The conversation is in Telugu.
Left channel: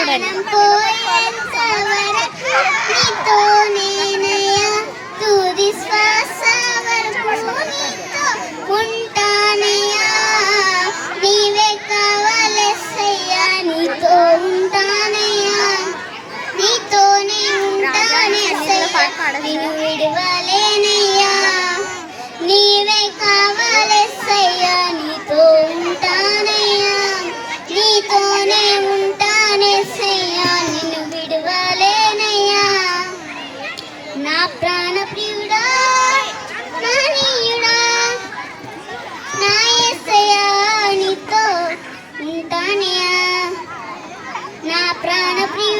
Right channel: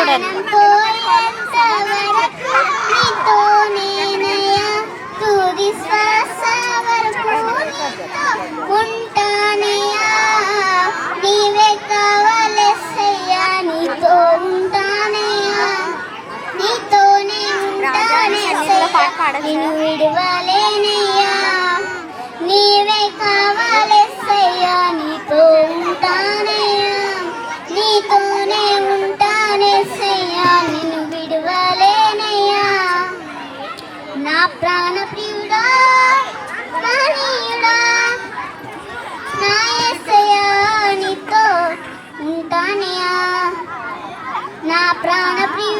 చూడాలి. విడువలేనయ్యా నీవే కావాలెస్సయ్యా నీతో ఉంటానయ్యా నీతోనే ఉంటానేసయ్యా నిన్ను విడువలేనయ్యా నా ప్రాణ ప్రియుడా మహనీయుడా నా యేసయ్యా నీతో ఉంటానయ్యా నా ప్రాణ ప్రియుడా